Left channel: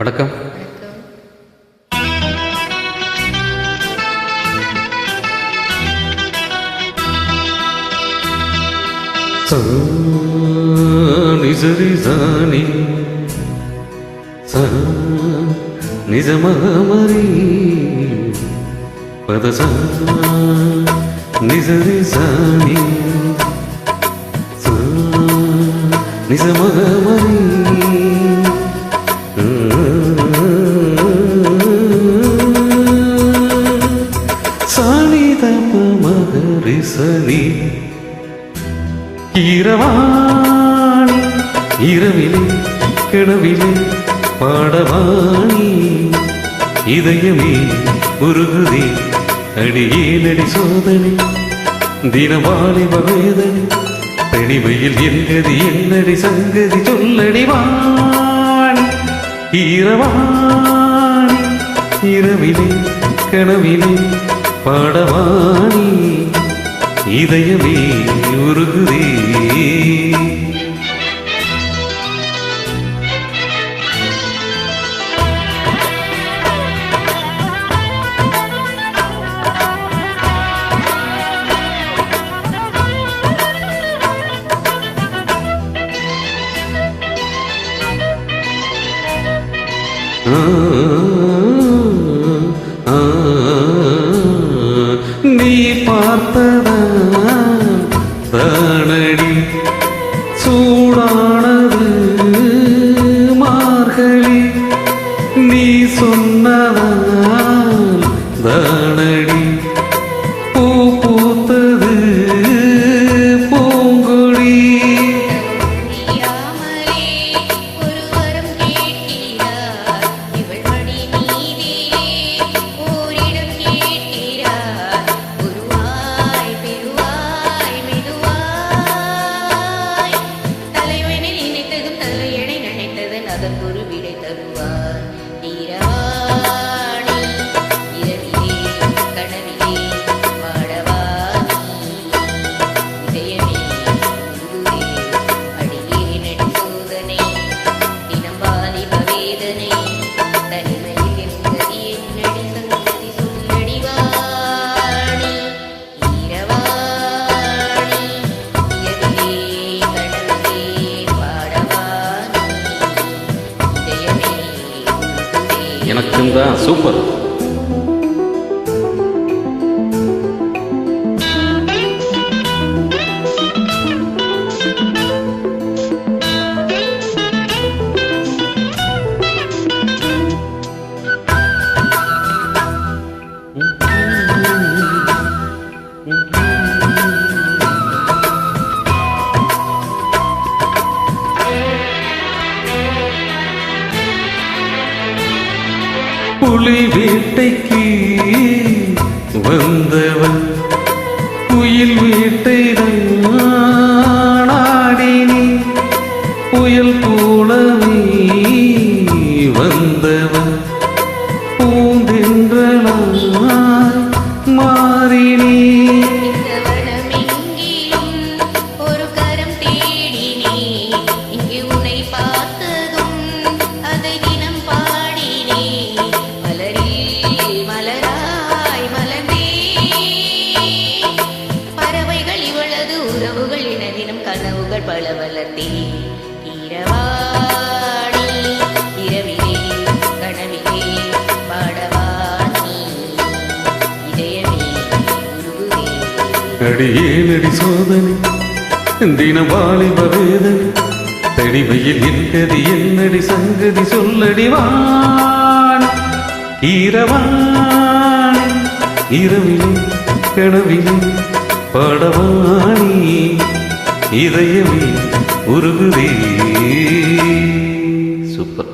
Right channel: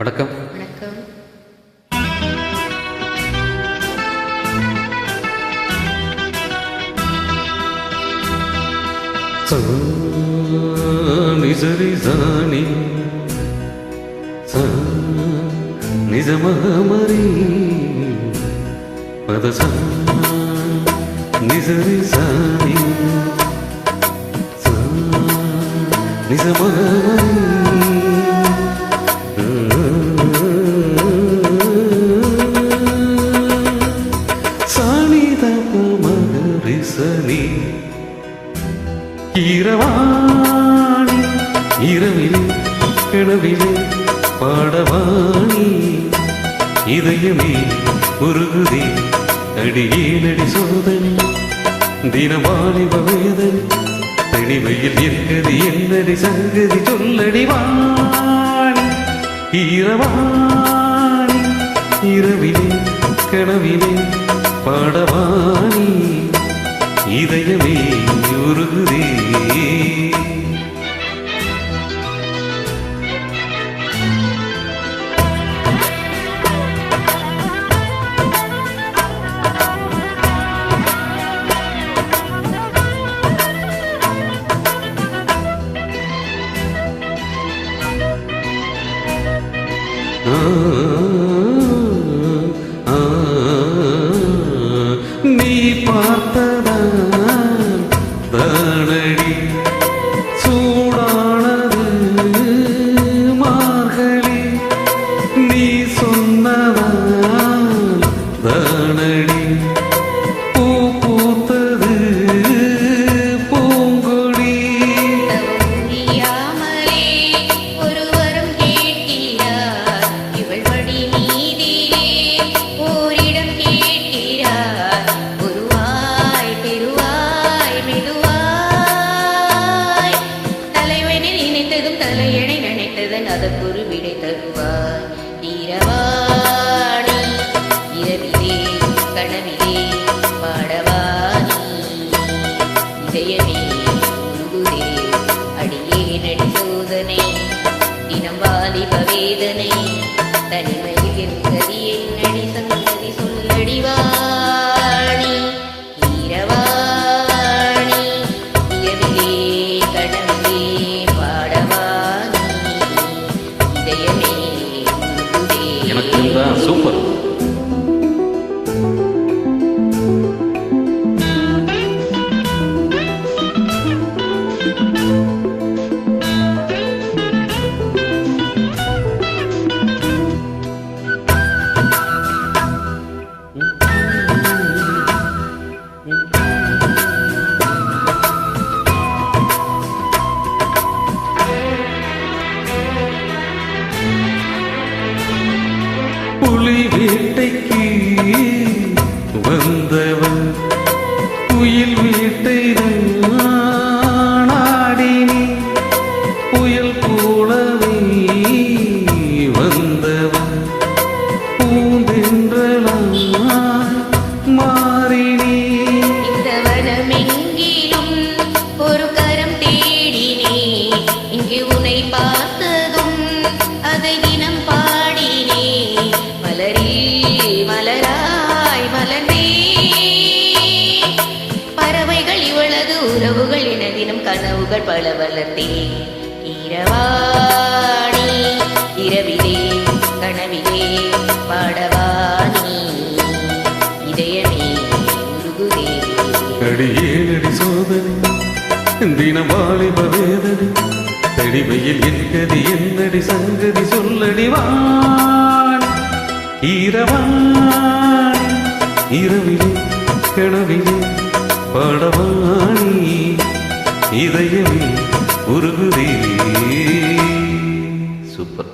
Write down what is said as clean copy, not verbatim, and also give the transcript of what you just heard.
வணக்கம். வணக்கம். நிசரி சாணி நிஜமகமரி பதசா நிசரி சாணி நிஜமகமரி சாணி தப்ப மகரிசனி இரவாணி இரவிலே கிணவிலே பாடவாணி இதயமே உருகுதே அடியே நடி சோதனை தினவாலிப வேதனை தனிமையில் என்கதி என்னடி சங்கதி சொல்லடி வாணி இரவாணி இரவிலே கனவிலே பாடவாணி இதயமே உருகுதே. நீ பார்த்ததான் தானடி சூடானது மார்கழி நீ சொன்னதான் தானடி பூ பூத்தது பூங்கொடி. தலையணை நினைத்ததன் அதற்கொரு விடை தருவாய். இரவாணி இரவிலே கனவிலே பாடவாணி இதயமே உருகுதே அடியே நடி சோதனை தினம் வாலிப வேதனை தனிமையில் என்கதி என்னடி சங்கதி சொல்லடிவாணி. இரவாணி இரவிலே கனவிலே எனக்கு தான் சூப்பர். புலி வேட்டைக்கு வந்தவன் குயில் வேட்டைதான் ஆடினி புயல் போலவே வந்தவன் பூந்தென்றலாய் மாறினி. இந்த வனமெங்கிலும் ஒரு கரம் தேடினே இங்கு உன்னை பார்த்ததும் அதை தினம் பாடினே மலரில் மலராய் மலர்ந்தே பறவைகள் இவளது உறவுகள் என தினம் கனவுகள் பல வளர்த்தே. இரவாணி இரவிலே கனவிலே பாடவாணி இதயமே உருகுதே அடியே நடி சோதனை தினம் வாலிப வேதனை தனிமையில் என்கதி என்னடி சங்கதி சொல்லடி வாணி. இரவாணி இரவிலே கனவிலே பாடவாணி இதயமே உருகுதே. சூப்பர்.